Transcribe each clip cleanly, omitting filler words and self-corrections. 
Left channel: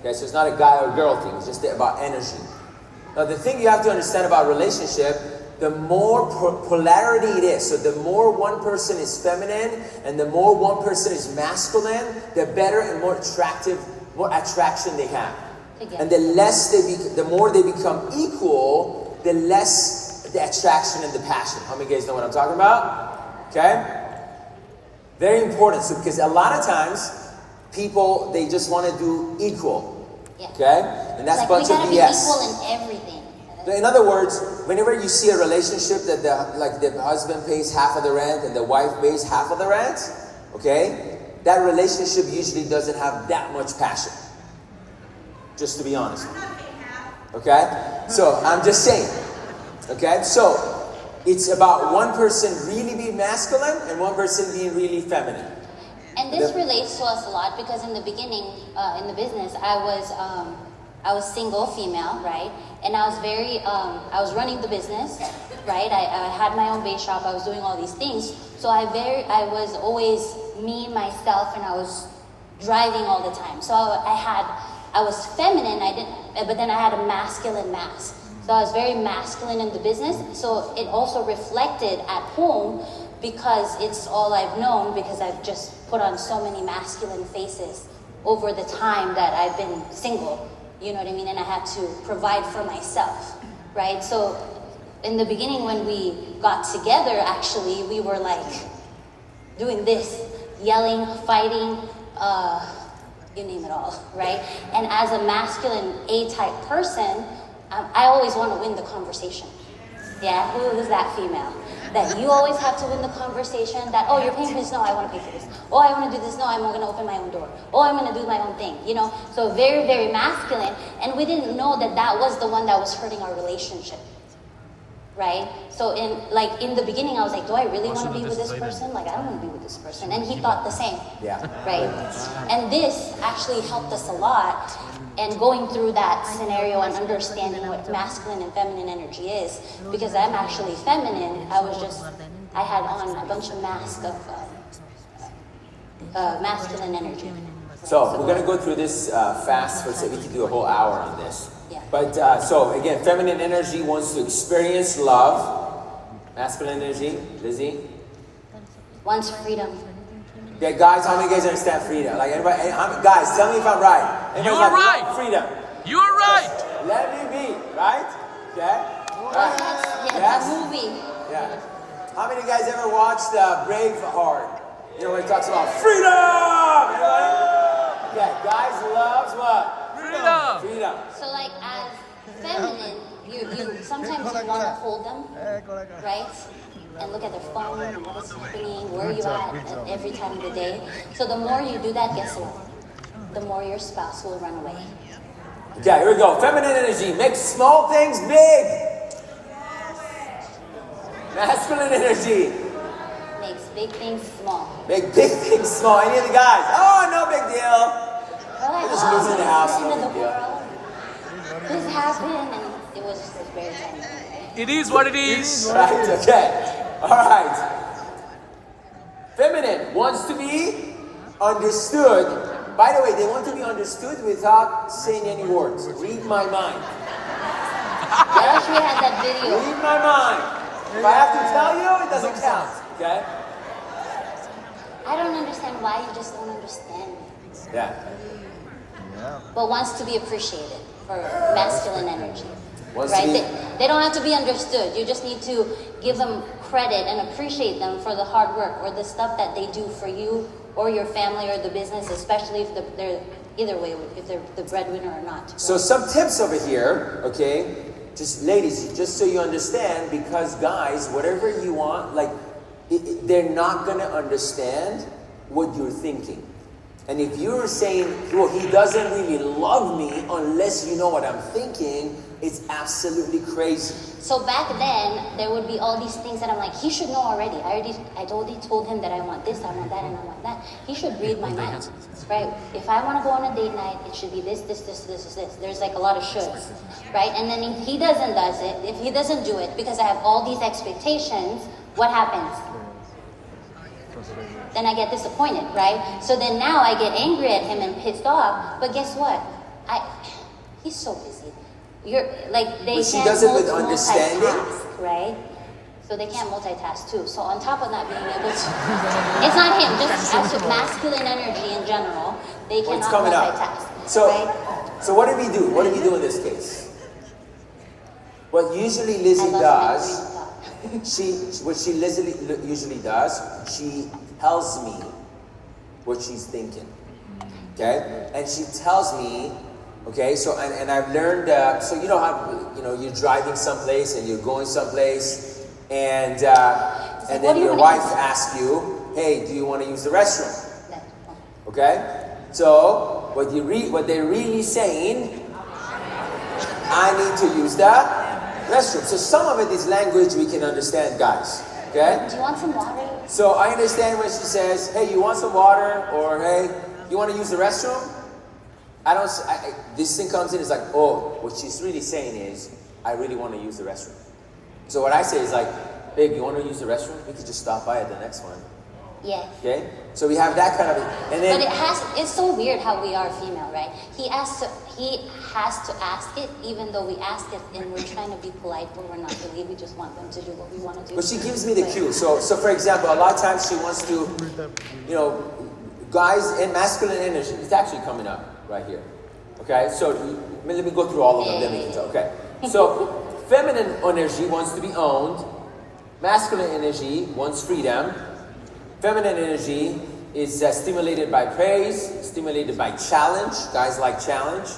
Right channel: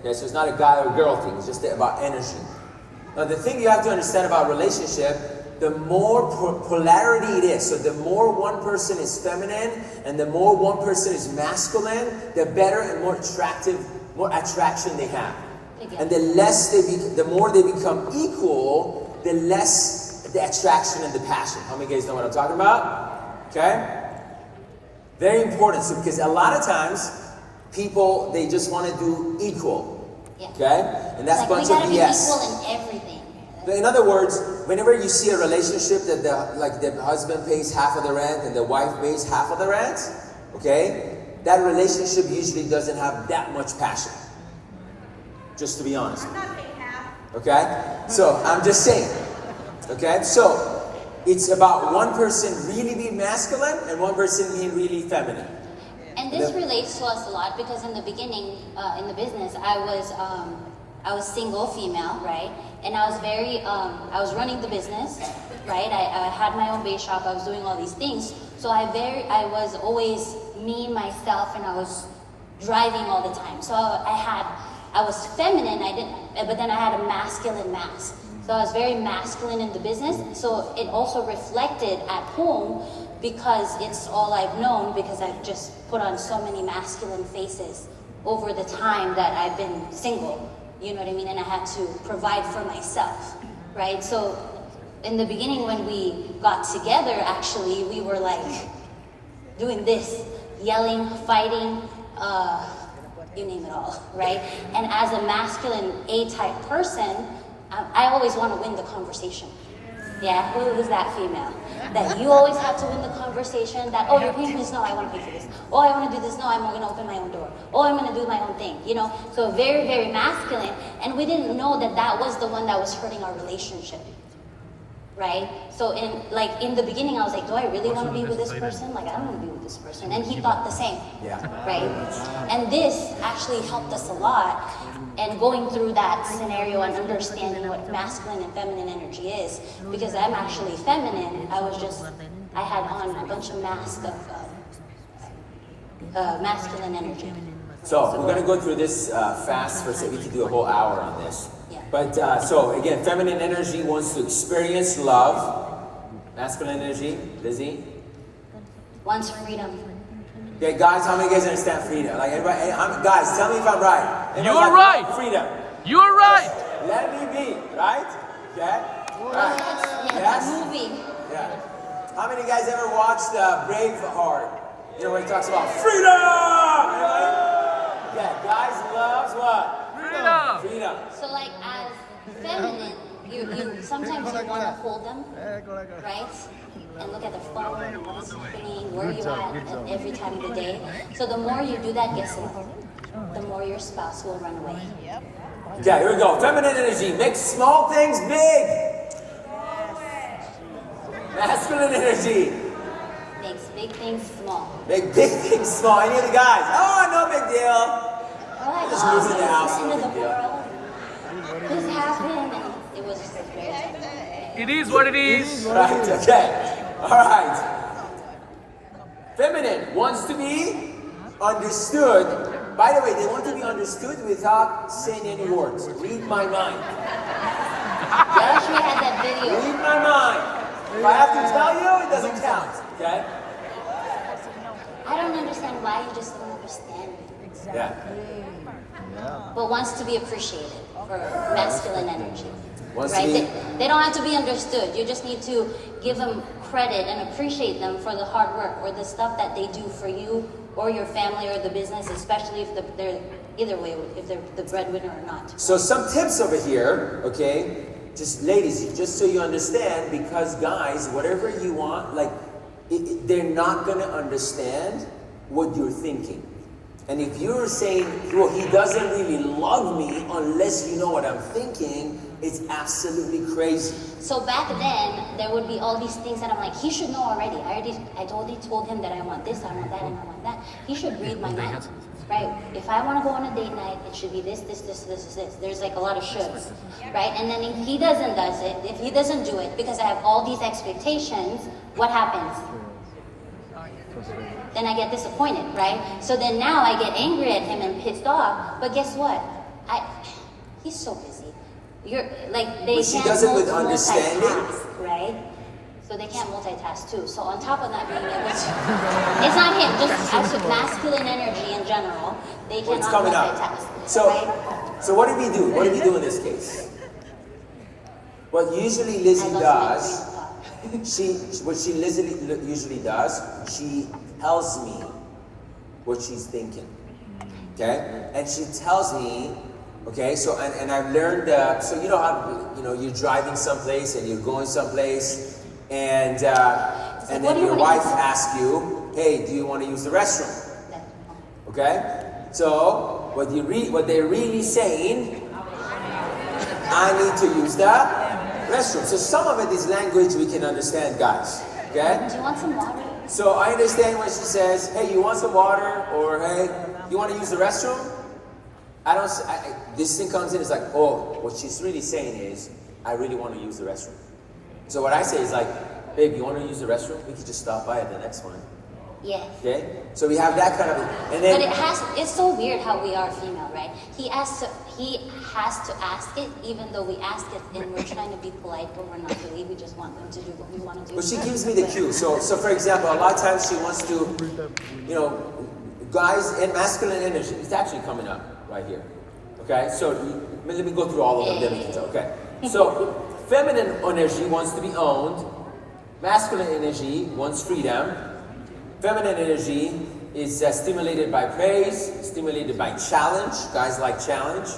Okay, so it's not a guy or girl thing. It's just about energy. Now, the thing you have to understand about relationship, the more polarity it is, so the more one person is feminine and the more one person is masculine, the better and more attraction they have. And the more they become equal, the less the attraction and the passion. How many guys know what I'm talking about? Okay? Very important, so because a lot of times people, they just want to do equal. Yeah. Okay? And that's a bunch of BS. We gotta be equal in everything. In other words, whenever you see a relationship that the husband pays half of the rent and the wife pays half of the rent, okay, that relationship usually doesn't have that much passion. Just to be honest. Okay? So, I'm just saying. Okay? So, it's about one person really being masculine and one person being really feminine. And this relates to us a lot because in the beginning, in the business, I was single female, right? And I was running the business, right? I had my own base shop. I was doing all these things. So I was always me, myself, and I was driving all the time. So I was feminine. But then I had a masculine mask. So I was very masculine in the business. So it also reflected at home because it's all I've known because I've just put on so many masculine faces over the time that I've been single. You know what I mean? And I had to provide for myself, right? So in the beginning when we got together, actually, we were like doing this, yelling, fighting, you name it all, right? And as a masculine A-type person, I always want to win the conversation. Yeah, who was that female? That you always have to win the conversation, that, oh, you're paying for this, no, I want to pay for this. Oh, I want to do this, no, I'm going to open my own door. Oh, I'm going to do my own thing, you know? So very, very masculine, and we didn't know that that was the one that was hurting our relationship, right? So in the beginning, I was like, do I really want to be with this person? Like, I don't want to be with this person. And he thought the same, right? And this actually helped us a lot. And going through that scenario and understanding what masculine and feminine energy is, because I'm actually feminine, I had on a bunch of masks of masculine energy. So we're going to go through this fast for a second. We could do a whole hour on this. Yeah. But so again, feminine energy wants to experience love. Masculine energy, Lizzie? Wants freedom. Okay, guys, how many of you guys understand freedom? Like, everybody, guys, tell me if I'm right. You're right. Freedom. You're right. Let me be, right? Okay. Right. Yes. A movie. Yeah. How many of you guys ever watched Braveheart? You know where it talks about freedom. Anybody? Okay, guys loves what? Freedom. Freedom. So like as feminine, you sometimes you want to hold them, right? And look at their phone and what is happening, where you at every time of the day. So the more you do that, guess what? The more your spouse will run away. Okay, here we go. Feminine energy makes small things big. Masculine energy Makes big things small. make big things small. Any of the guys? Oh, no big deal. We're just losing the house. End of the world. This happened, and it was just very exciting. It is what it is. Right, okay. All right. Feminine wants to be understood. By the way, they want to be understood without saying any words. Read my mind. I wish we had that video. Read my mind. If I have to tell you, it doesn't count. Okay? I don't understand why you just don't understand me. Yeah. But wants to be appreciated for masculine energy. Wants to Right? be- They don't have to be understood. You just need to give them credit and appreciate them for the hard work or the stuff that they do for you or your family or the business, especially if they're either way, if they're the breadwinner or not. So some tips over here, okay? Just ladies, just so you understand, because guys, whatever you want, like, they're not gonna understand what you're thinking. And if you're saying, well, he doesn't really love me unless you know what I'm thinking, it's absolutely crazy. So back then, there would be all these things that I'm like, he should know already. I already told him that I want this, I want that, and I want that. He should read my mind, right? If I want to go on a date night, it should be this. There's like a lot of shoulds, right? And then if he doesn't do it, because I have all these expectations, what happens? Then I get disappointed, right? So then now I get angry at him and pissed off, but guess what? he's so busy. You're like they But she can't does it with understanding. multitask, right? So they can't multitask too. So on top of not being able to, it's not him. Just actually masculine energy in general, they cannot It's coming up. multitask. So, right? so what do we do? What do we do in this case? What usually Lizzie does, usually does, she tells me what she's thinking. Okay, and she tells me. Okay, so and I've learned. So you know how you're driving someplace and you're going someplace, and then your wife asks you, "Hey, do you want to use the restroom?" Okay, so what they're really saying, I need to use the restroom. So some of it is language we can understand, guys. Okay. Do you want some water? So I understand when she says, "Hey, you want some water?" or "Hey, you want to use the restroom?" This thing comes in, it's like, oh, what she's really saying is, I really want to use the restroom. So what I say is like, babe, you want to use the restroom? We could just stop by at the next one. Yeah. Okay? So we have that kind of, and then. But it's so weird how we are female, right? He has to ask it, even though we ask it and we're trying to be polite, but we're not really. We just want them to do what we want to do. But she gives me the cue. So for example, a lot of times she wants to, guys and masculine energy, it's actually coming up right here. Okay, so let me go through all of them. Okay, so feminine energy wants to be owned. Masculine energy wants freedom. Feminine energy is stimulated by praise, stimulated by challenge. Guys like challenge.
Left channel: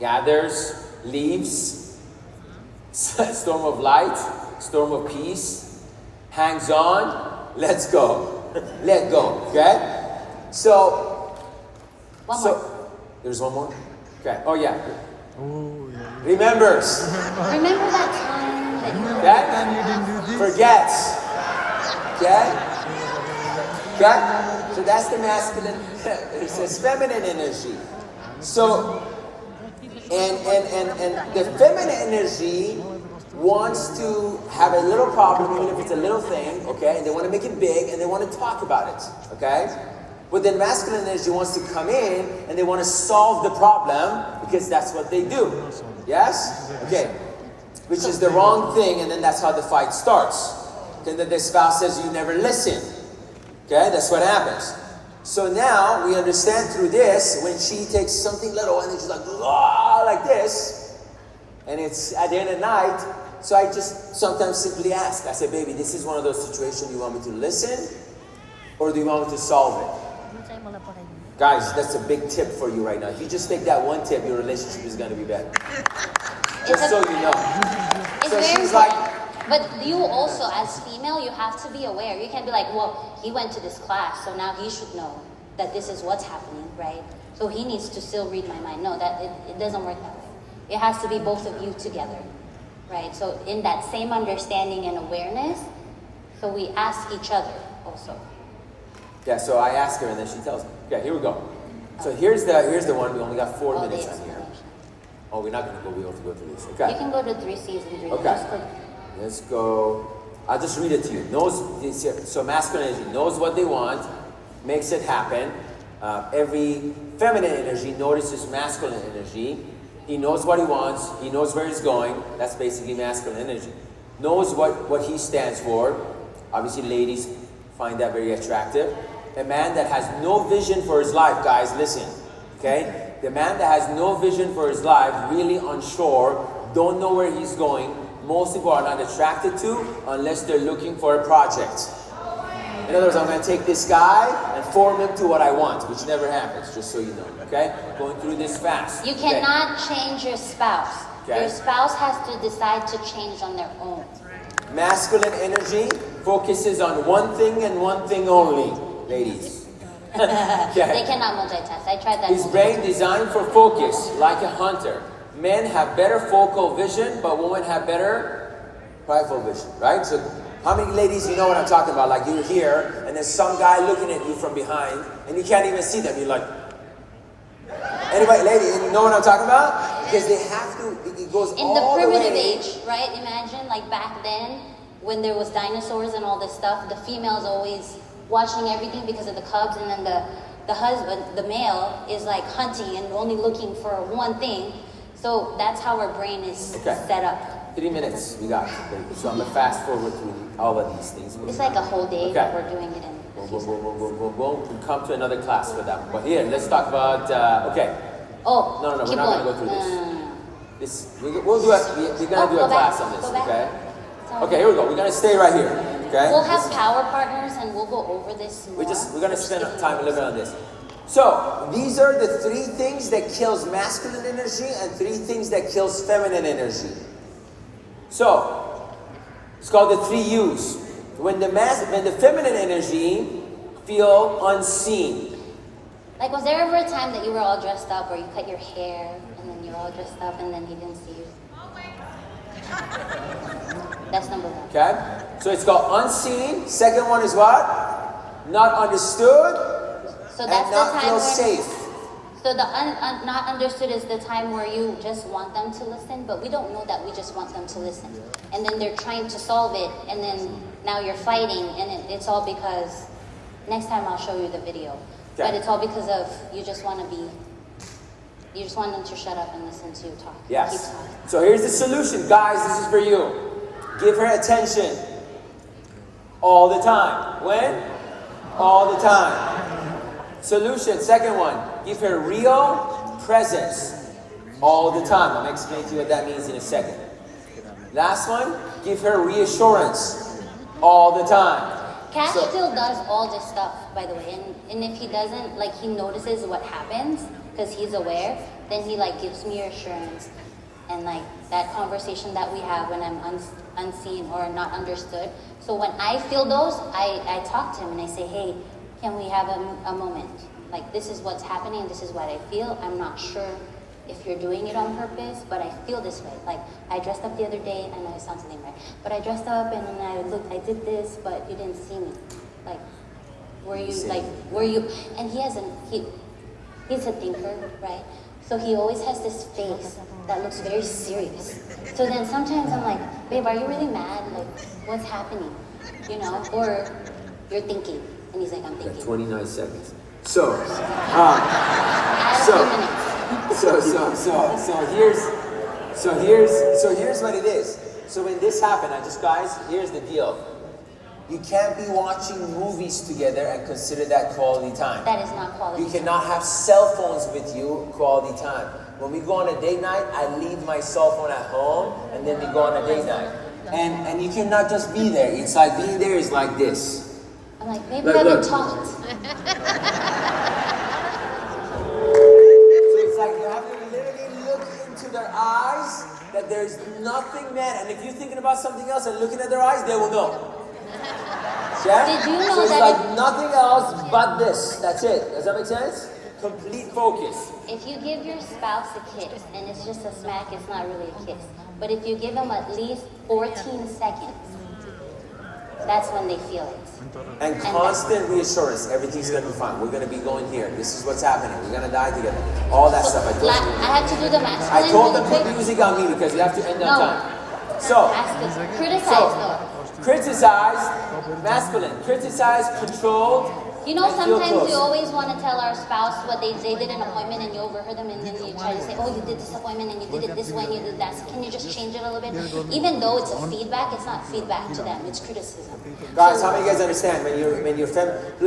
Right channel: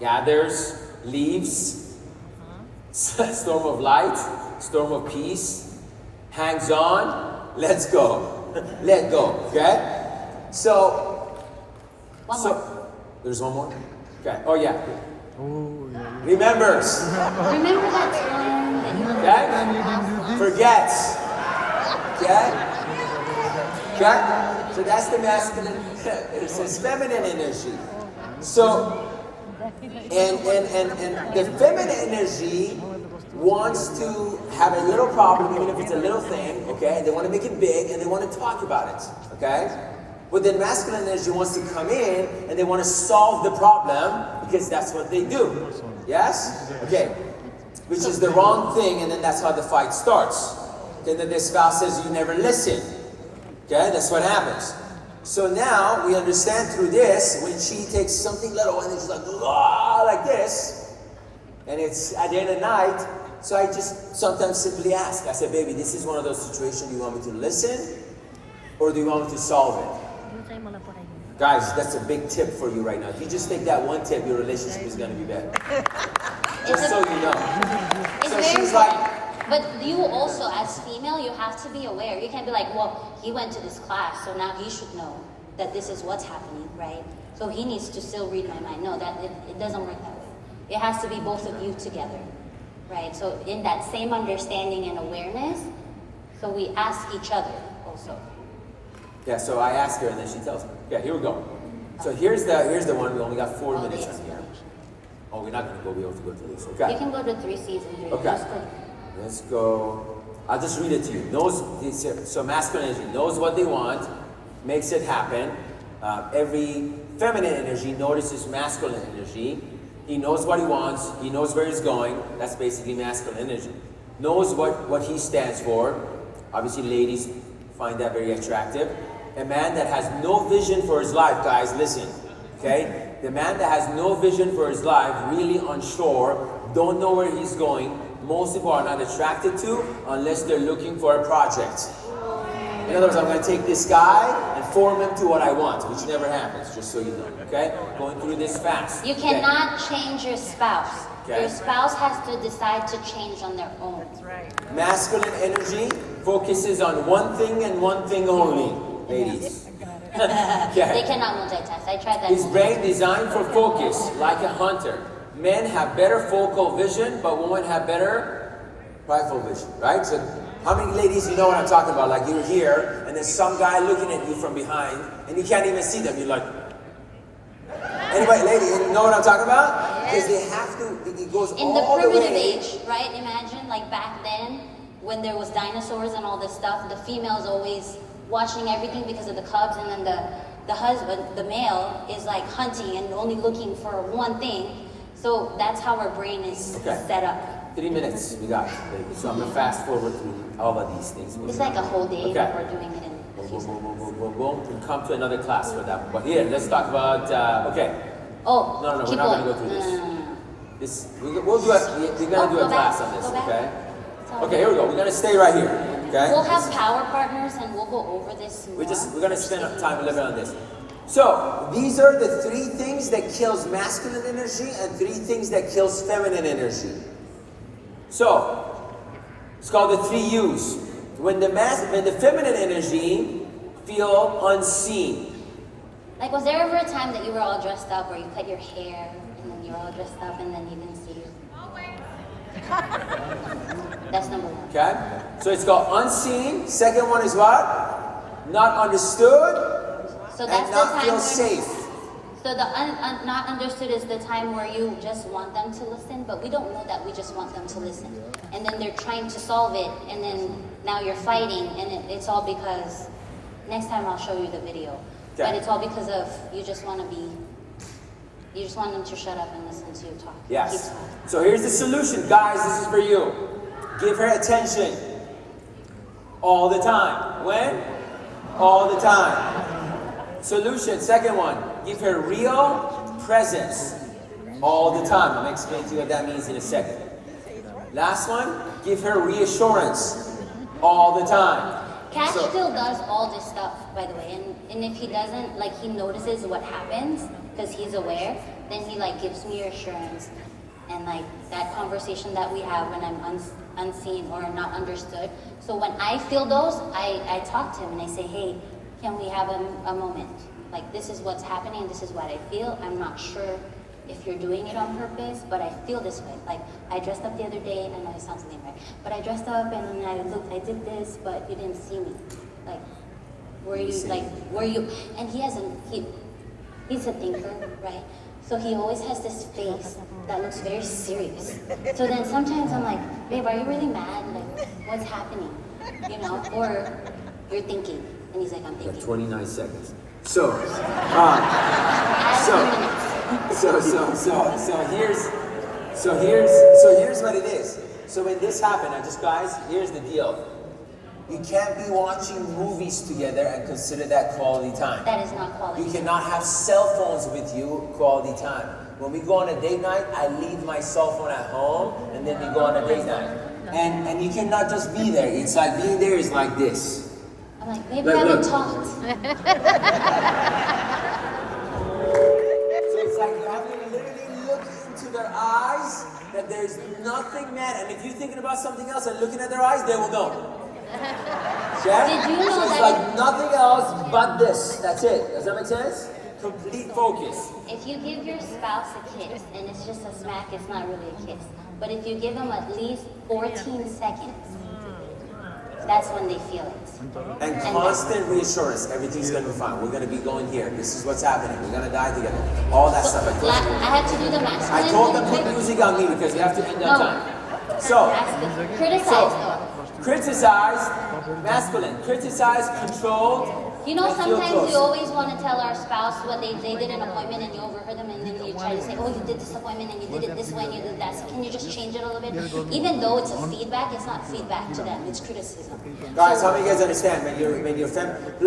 Gathers, leaves, storm of light, storm of peace, hangs on, let's go. Let go, okay? So, One more. there's one more? Okay, oh yeah. Remembers, Remember that time that you okay? Forgets, okay? Okay? So that's the masculine, it says feminine energy. So, and the feminine energy wants to have a little problem, even if it's a little thing, okay? And they want to make it big, and they want to talk about it, okay? But then masculine energy wants to come in, and they want to solve the problem, because that's what they do. Yes? Okay. Which is the wrong thing, and then that's how the fight starts. Okay, then the spouse says, you never listen. Okay, that's what happens. So now, we understand through this, when she takes something little, and then she's like, oh, like this, and it's at the end of the night, so I just sometimes simply ask. I say, baby, this is one of those situations you want me to listen, or do you want me to solve it? Guys, that's a big tip for you right now. If you just take that one tip, your relationship is going to be better. Just so you know. It's So very she's important. like, But you also, as female, you have to be aware. You can't be like, well, he went to this class, so now he should know that this is what's happening, right? So he needs to still read my mind. No, that it doesn't work that way. It has to be both of you together, right? So in that same understanding and awareness, so we ask each other also. yeah, so I ask her and then she tells me. Okay, here we go. So here's the one. We only got 4 All the minutes on here. explanation. Oh, we're not going to go. We have to go through this. You Okay. can go to 3 C's and 3 Okay. Just go. Let's go. I'll just read it to you. So masculine energy knows what they want, makes it happen. Every feminine energy notices masculine energy. He knows what he wants. He knows where he's going. That's basically masculine energy. Knows what he stands for. Obviously, ladies find that very attractive. A man that has no vision for his life, guys, listen. Okay? The man that has no vision for his life, really unsure, don't know where he's going, most people are not attracted to unless they're looking for a project. In other words, I'm going to take this guy and form him to what I want, which never happens, just so you know. Okay? Going through this fast. You Okay? cannot change your spouse. Okay. Your spouse has to decide to change on their own. Masculine energy focuses on one thing and one thing only, ladies. They cannot multitask. I tried that. His brain designed for focus, like a hunter. Men have better focal vision, but women have better rifle vision, right? So how many ladies you know what I'm talking about? Like you're here, and there's some guy looking at you from behind, and you can't even see them. You're like, anyway, lady, you know what I'm talking about? Because they have to, it goes In the all primitive way. age, right? Imagine like back then when there was dinosaurs and all this stuff, the female's always watching everything because of the cubs, and then the husband, the male, is like hunting and only looking for one thing. So that's how our brain is set up. 3 minutes we got. So I'm gonna fast forward through all of these things. It's like a whole day that Okay. we're doing it in. We'll come to another class for that. But here, let's talk about. Okay. Oh, No, keep we're not going. gonna go through this. No. We'll do it. We're gonna do Go a back, class on this. go back. Okay. Sorry. Okay. Here we go. We're gonna stay right here. Okay. We'll have power partners and we'll go over this more. We're gonna spend time a little bit on this. So these are the 3 things that kills masculine energy and 3 things that kills feminine energy. So it's called the 3 U's. When the feminine energy feel unseen. Like, was there ever a time that you were all dressed up or you cut your hair and then you were all dressed up and then he didn't see you? That's number 1. Okay? So it's called unseen. Second one is what? Not understood So and that's the not time feel when, safe. So the not understood is the time where you just want them to listen, but we don't know that we just want them to listen. And then they're trying to solve it, and then now you're fighting, and it's all because, next time I'll show you the video. Okay. But it's all because of, you just want them to shut up and listen to you talk. Keep Yes. talking. So here's the solution. Guys, this is for you. Give her attention. All the time. When? All the time. Solution, second one. Give her real presence. All the time. I'll explain to you what that means in a second. Last one. Give her reassurance. All the time. Cash So- still does all this stuff, by the way, and if he doesn't, like, he notices what happens because he's aware, then he like gives me reassurance, and like that conversation that we have when I'm unseen or not understood. So when I feel those, I talk to him and I say, hey, can we have a moment? Like, this is what's happening and this is what I feel. I'm not sure if you're doing it on purpose, but I feel this way. Like, I dressed up the other day, and I know it sounds something right, but I dressed up and then I did this, but you didn't see me. Like, he's a thinker, right? So he always has this face that looks very serious. So then sometimes I'm like, babe, are you really mad? Like, what's happening? You know, or you're thinking. And he's like, I'm You got thinking. 29 seconds. So here's what it is. So when this happened, guys, here's the deal. You can't be watching movies together and consider that quality time. That is not quality. You cannot have cell phones with you quality time. When we go on a date night, I leave my cell phone at home and then we go on a date night. And you cannot just be there. It's like being there is like this. I'm like, maybe we haven't talked. So it's like you have to literally look into their eyes that there's nothing, man. And if you're thinking about something else and looking at their eyes, they will know. Yeah? Did you know so it's that like nothing else but this. That's it. Does that make sense? Complete focus. If you give your spouse a kiss and it's just a smack, it's not really a kiss. But if you give them at least 14 seconds, that's when they feel it. And constant reassurance. Everything's gonna be fine. We're gonna be going here. This is what's happening. We're gonna die together. All that stuff. I have to do the mask. I told them put music on me because we have to end on time. So, Criticize though. criticize, masculine. Criticize, control. You know, and feel sometimes close. you always want to tell our spouse what they did an appointment and you overheard them and then you try to say, oh, you did this appointment and you did it this way and you did that. So can you just change it a little bit? Even though it's a feedback, it's not feedback to them. It's criticism. Guys, how many of you guys understand when you're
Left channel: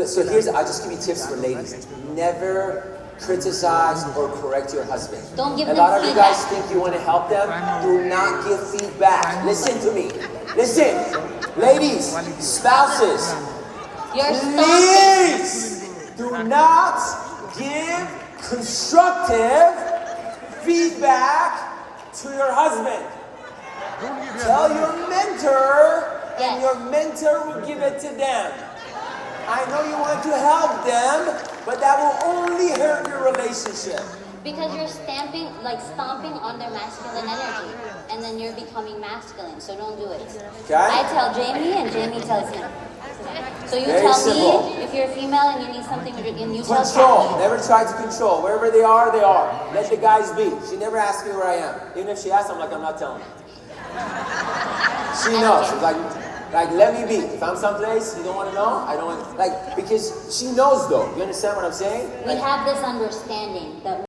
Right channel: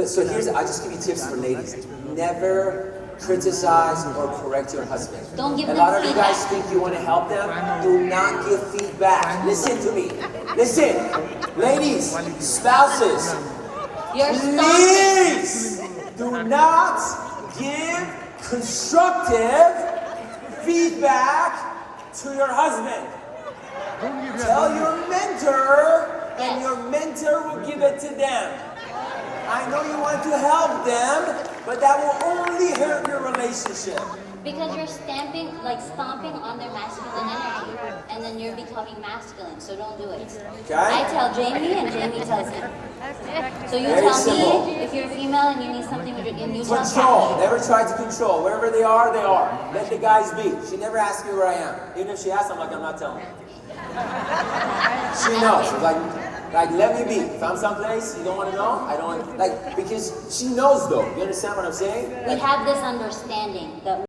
so I'll just give you tips for ladies. Never criticize or correct your husband. Don't give a them lot of you feedback. guys think you want to help them. Do not give feedback. Listen to me. Listen, ladies, spouses. You're stopping. Please do not give constructive feedback to your husband. Tell your mentor, and your mentor will give it to them. I know you want to help them, but that will only hurt your relationship. Because you're stomping on their masculine energy, and then you're becoming masculine. So don't do it. Okay? I tell Jamie, and Jamie tells him. So you Very tell simple. me if you're a female and you need something, and you tell Control. Cash. Never try to control. Wherever they are, they are. Let the guys be. She never asks me where I am. Even if she asks, I'm like, I'm not telling you. She knows. She's like, Like, let me be. If I'm someplace you don't want to know, I don't like, because she knows though. You understand what I'm saying? We Like, have this understanding that